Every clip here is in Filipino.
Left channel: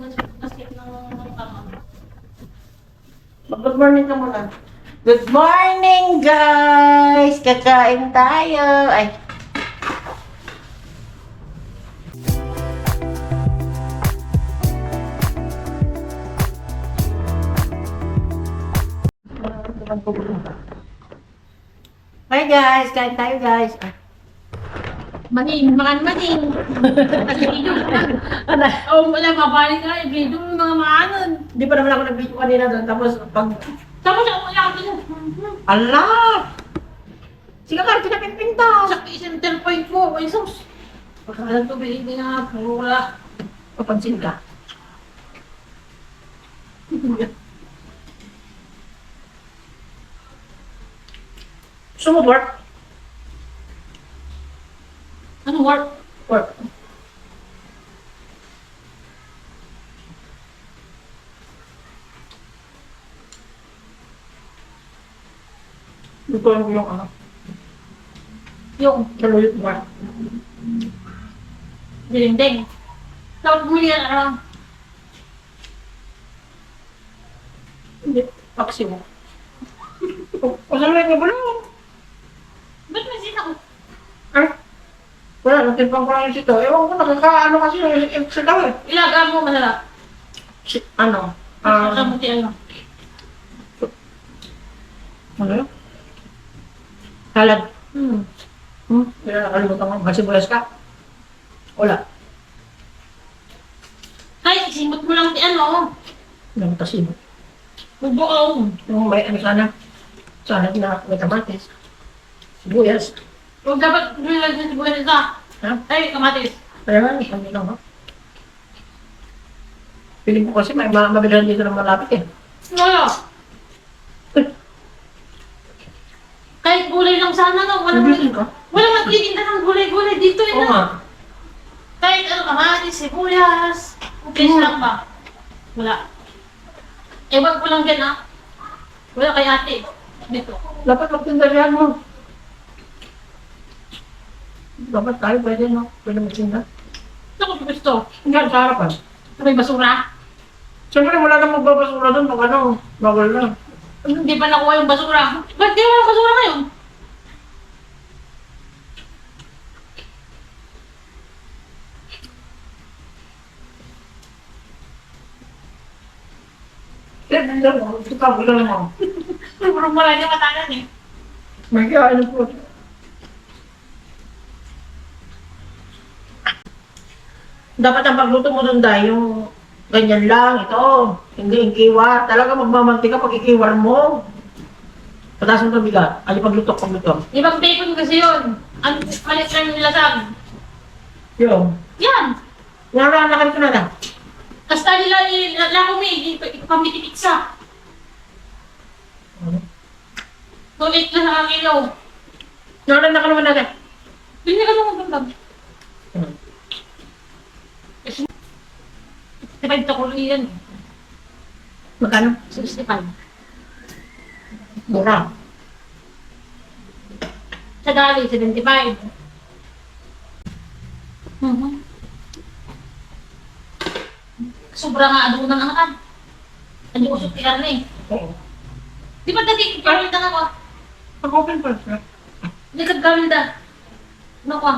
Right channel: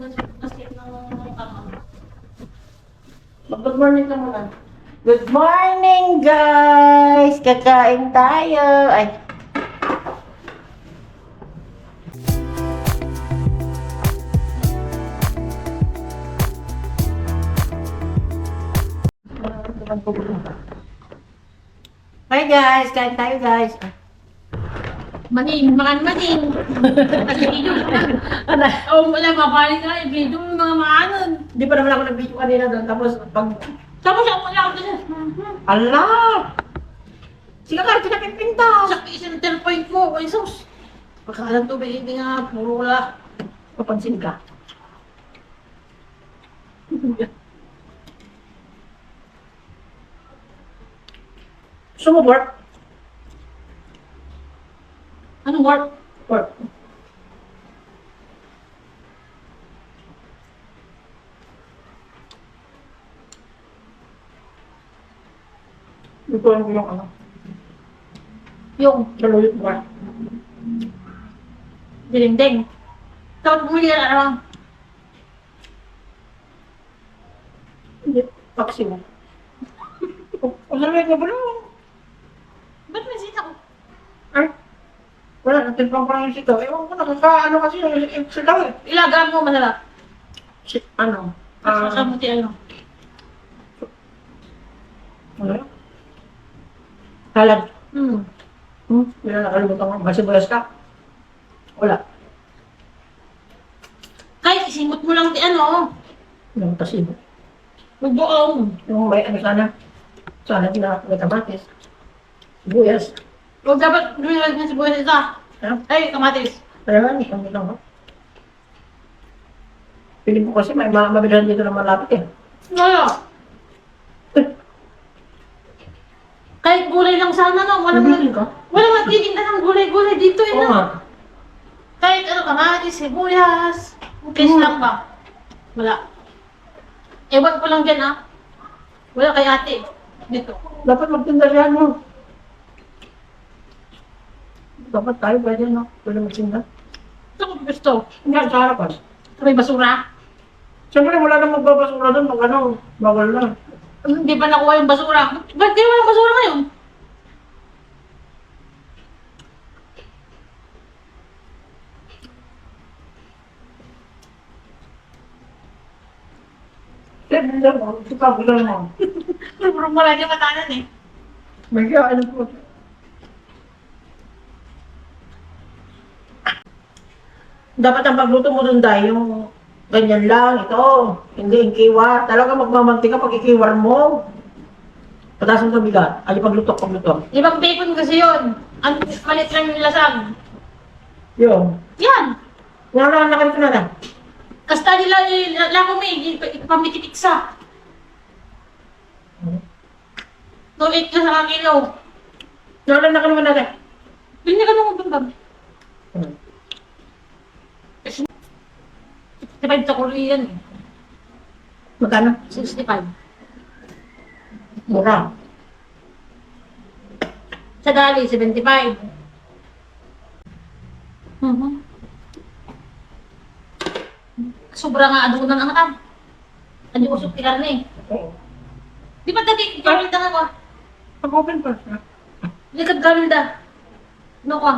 Good morning ka muna. Good morning, guys! Kakain tayo. Ay. Hi, guys! Kain tayo, guys. Maning, makan maning. Video na. Ano? Oh, wala mabalik na. Video ng mga ano. Hindi pa naman ako nag-video kanina doon. Tapos, pag... Tapos ako wala ka din. Ala! Sige ka, pinapipinta. Sa center point mo. Ay, sus. Pagkakalang tubig, hindi nga. Puro wala. Papansin ka. Gusto mo work? Ano work? Work. Ito yung ano. Yung Saluyot work. dilinding. Tapos bumili ka na lang. Hindi. Paksi mo. Pasaluyot niya bulong. Ba't may sita ko? Ay. Wala, natimpang ko lang yung sito. Ewan ko, nakakaano kasi yung sila eh. Ilaga mo masarap. Ano? Kamuti ano. Ano yun? Salad. Hmm. Hindi na nakalimutan ko. Masibulas ka? Wala. Ay, isimot mo lang di ano. Yung tasibo. Bubuong. Yung may ano sana. Salad na may kamatis. Sibuyas. Huwag dapat lumilag na sa buhay nito. Ha? Ay, kamatis. Kaya nga, isang ginawa ko. Piling ko kasi may mabilan dito na malapit eh. Wala. Kahit gulay lang sana no. Nabitin ka? Walang nagtitinda ng gulay-gulay dito eh Oo no. nga. Kahit ano kamatis, sibuyas. Fish lang ba? Wala. Ewan ko lang dyan ah. Wala kay ate. Dito. Dapat magtinda yan mo. Dapat tayo pwede no? Pwede magtinda. Ito ko gusto. Hindi, sa harapan. Ito may basura. Siyempre wala nang magbabasura doon pag ano, bawal na. Hindi pa nakuha yung basura. Ba't di walang basura ngayon? Hindi mo, ito ka bilang mo. Puro wala niya matanan eh. May kain po. Dapat ang pagluto mo doon dahil yung ganyan lang, ito. Hindi ikiwar. Talaga magmamantika pag ikiwar mo. Pataas mo ito bigat. Ali paglutok, paglutok. Ibang bacon kasi yun. Ang malit lang yung lasag. Yun. Yan. Nakakalakan ko na lang. Kasta nila lako may pamitikiksa. Tulit na sa kilo. Nakakalakan ka naman natin. Bili ka naman bambam. Hmm. 65 sa kuloy yan eh. Magkano? 65. Mura. Sa dali, 75. Mhm. Sobra nga adunan ang atan. Ano usok ti karne. Oo. Di ba dati gamit na nga ko? Pag-open pa. Hindi ka gamit na. Ano ko?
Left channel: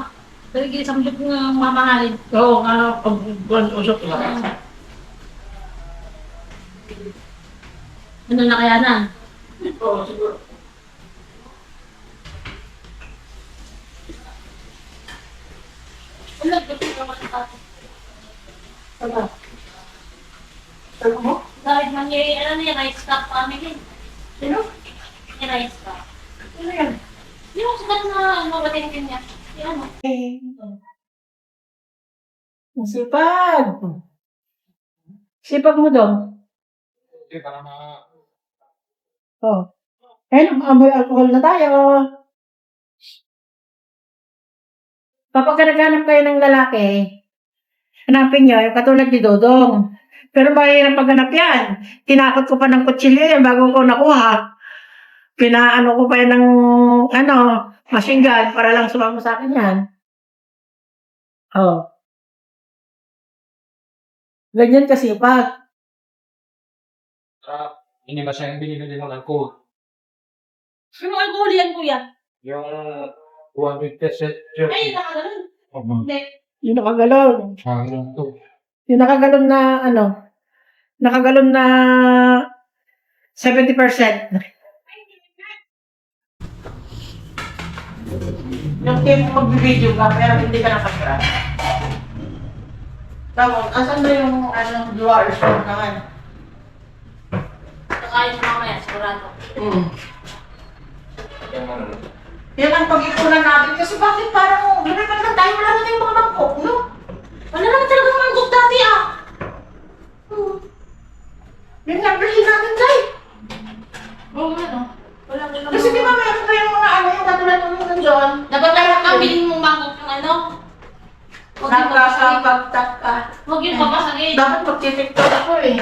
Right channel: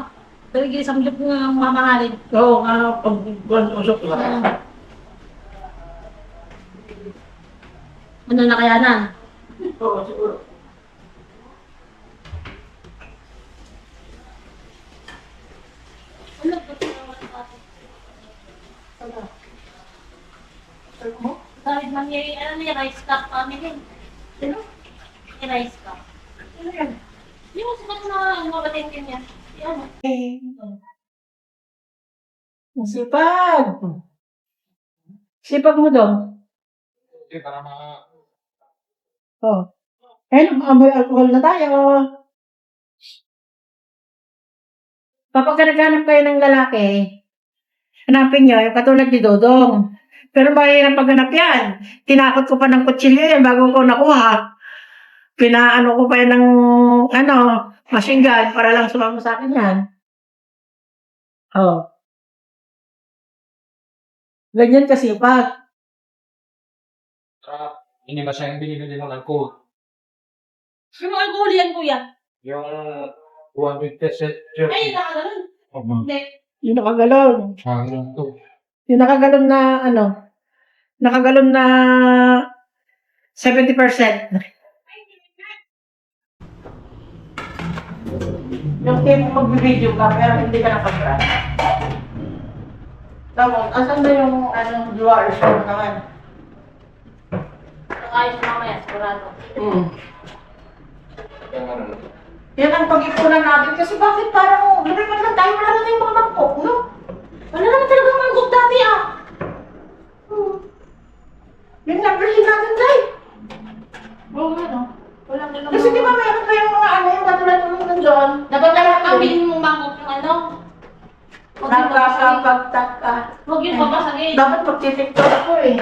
Pero gili sa mga ng mamahalin. Oo, nga, pag-usok lang. Ano na kaya na? Oo, siguro. Wala, ito yung mga tati. Ano? Ano mo? Dahil nangyay, ano na yung rice cup family. Sino? Yung rice cup. Ano yan? Yung sikat na umabating din niya. Yung ano? Sipag! Sipag mo daw. Hindi, para mga... Oh. Eh, amoy alcohol na tayo. Kapag naghanap kayo ng lalaki, hanapin nyo, yung katulad ni Dodong. Pero mahirap paghanap yan. Tinakot ko pa ng kutsilyo yan bago ko nakuha. Pinaano ko pa yan ng, machine gun para lang sumama sa akin yan. Oh. Ganyan kasi pa. Sarap. Hindi ba siya yung binibili ng alcohol? Yung alcohol yan, kuya. Yung 200%. Ay, nakaganon. Hindi. Yung nakagalon. Hanggang to. Yung nakagalon na, ano, nakagalon na 70%. Yung team mag-video ka, kaya hindi ka nakapag Tapos, asan na yung, viewers mo naman? Kakain mo mamaya, sigurado. Yan ang pag-ipunan natin kasi bakit parang lumipat lang tayo, wala na tayong mga mangkok, no? Wala naman talagang mangkok dati, ah. Yung nag-bilhin natin, Jay. Oo nga, no? Wala naman. Kasi di ba meron tayong mga yung katulad ng nandiyon? Dapat lang kabilin mong mangkok yung ano. Huwag yung babasagin. Nakakapagtak ka. Huwag yung babasagin. Dapat magtitiktok ako eh.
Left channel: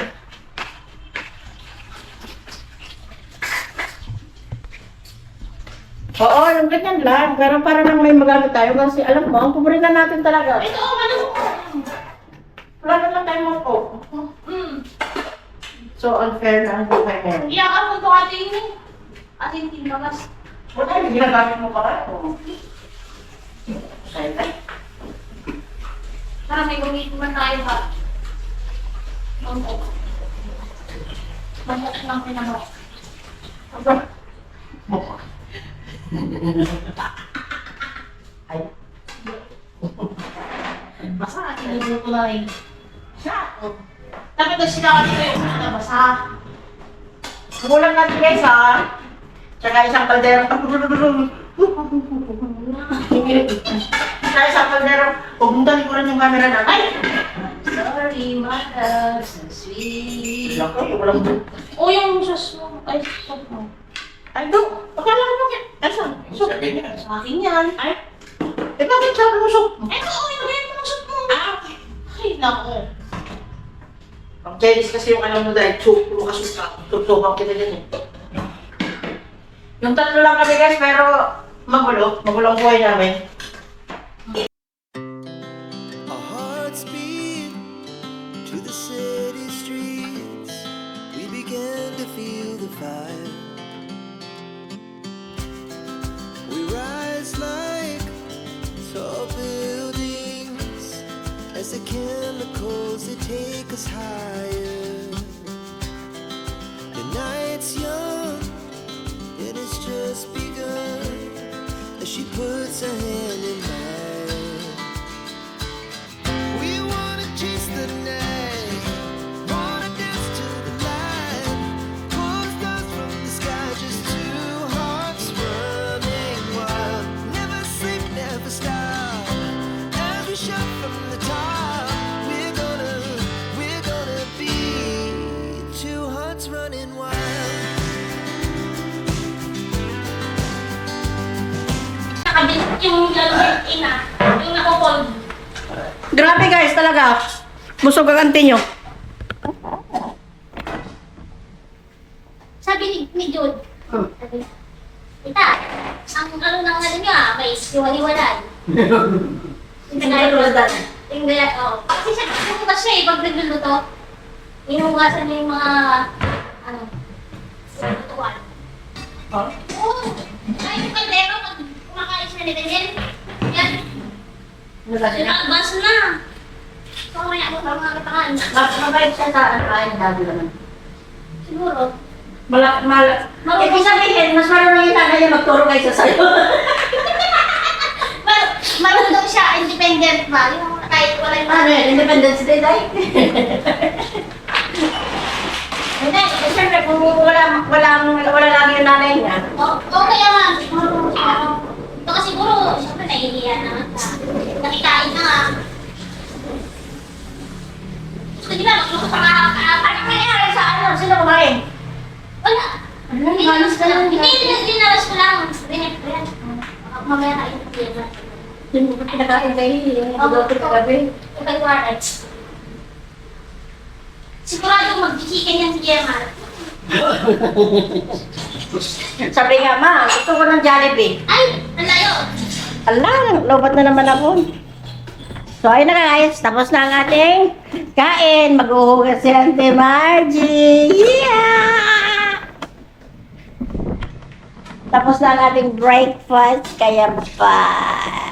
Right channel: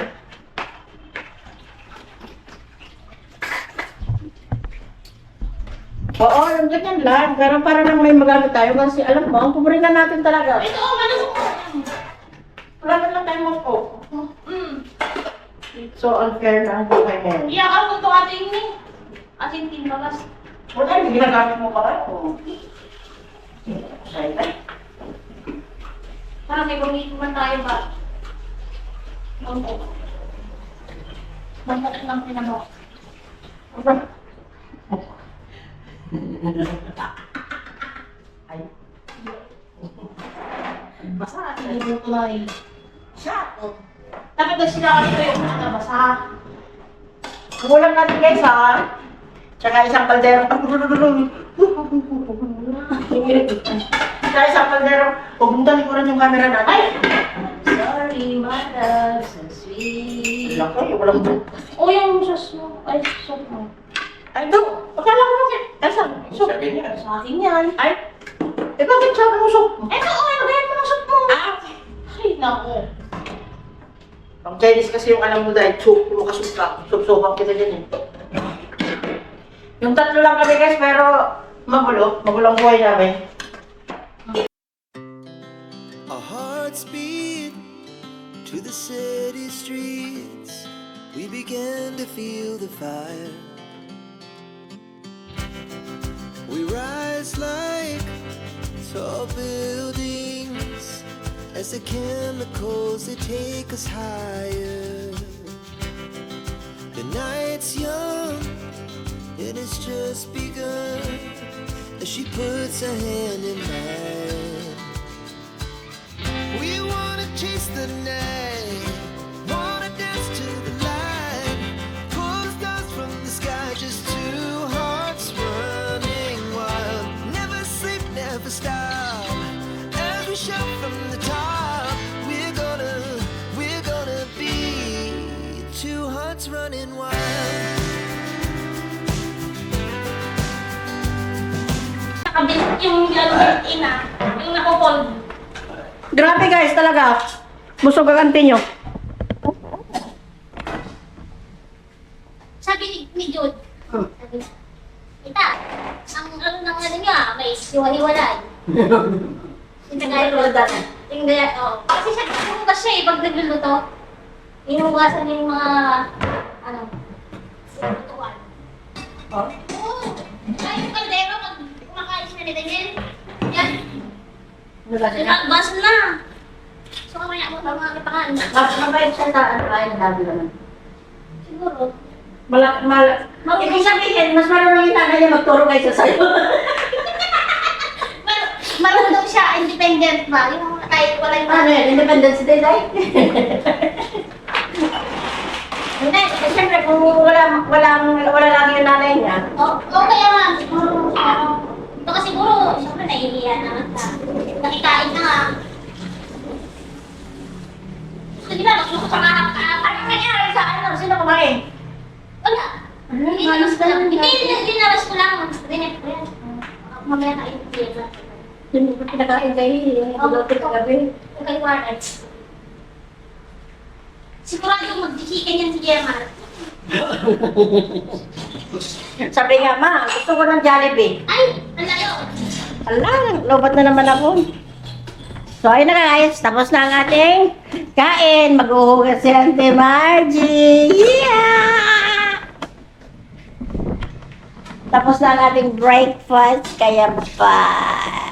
Oo, yung ganyan lang. Pero para lang may magamit tayo kasi alam mo, ang paborito natin talaga. Ito, ano? Wala na lang tayo mo. So unfair na ang buhay ngayon. Iyakan mo ito ating ni. Ating timbagas. Wala, hindi ginagamit mo pa rin. Sana may gamitin man tayo ba? Mangkok. Mangkok lang pinabak. Ay, Basa ating ibig kulay. siya. Dapat na sila kasi kayo na basa. Kulang natin guys ha. Tsaka isang kaldero. Tsaka isang kaldero. Huwag mong talikuran yung camera natin. Ay! Sorry, my love, so sweet. Laki, walang doon. O yung sauce mo. Ay, sauce mo. Ay, doon. Akala ko bakit? Asa? So, Sabi niya. Sa akin yan. ay. Eh, bakit sabi mo so? Eto, lagayan mo ng soup mo. Ay, naku. Ang Chinese kasi yung alam mo dahil lumakas ka. Subsoban kita ganyan. Yung tatlo lang kami guys, pero magulo. Magulo ang buhay namin. Our hearts beat to the city streets. We began to feel the fire. We rise like tall buildings as the chemicals they take us higher. The night's young and it's just begun as she puts her hand in mine. We wanna chase the night, wanna dance to the light, pull the stars from the sky, just two hearts running wild. Never sleep, never stop, as we shout from the top. We're gonna be two hearts running wild. Nakabit yung lalagyan ina. Yung nakupol. Grabe guys, talaga. Busog ang anti nyo. Sabi ni Jude, sabi, Tita, ang ano nang ano niya, may hiwa-hiwalay. Hindi na Hindi, oo. Kasi siya, kumukas siya eh, pag nagluluto. Inuugasan niya yung mga, ano, lutuan. Oh? Oo. Ay, yung kaldero, pag kumakain siya ni Daniel, yan, advance na. So, mamaya mo sa mga kapangan. Mabait siya sa ano, ay nadabi naman. Siguro. Ibig sabihin, mas marunong yung tatay niya magturo kaysa sa'yo. Marunong siya, independent ba? Yung kahit wala yung Ano yan, independence day, day? Hindi, siyempre kung wala lagi yung nanay niya. Oo, kaya nga, marunong siya. Ito kasi siguro, siyempre nahihiya naman ka. Nakikain na nga. Gusto nila, magluto sa mga Ano nangyari sa ano? Sino kumain? wala. Dinaras ko lang. Hindi, dinaras ko lang. Rinet ko yan. Mamaya kain ko yan. Yung pinakain kayo, yung ibudoto sa gabi. Yung kay Warren. Sigurado mag-chicken yan si Gemma. Sabi nga, ma, gusto ko ng Jollibee. Ay, ang layo. Ala, lobat na naman ako. So, ayun na guys, tapos na ang ating Kain, maghuhugas si Auntie Margie. Yeah! Tapos na ang ating breakfast, kaya bye.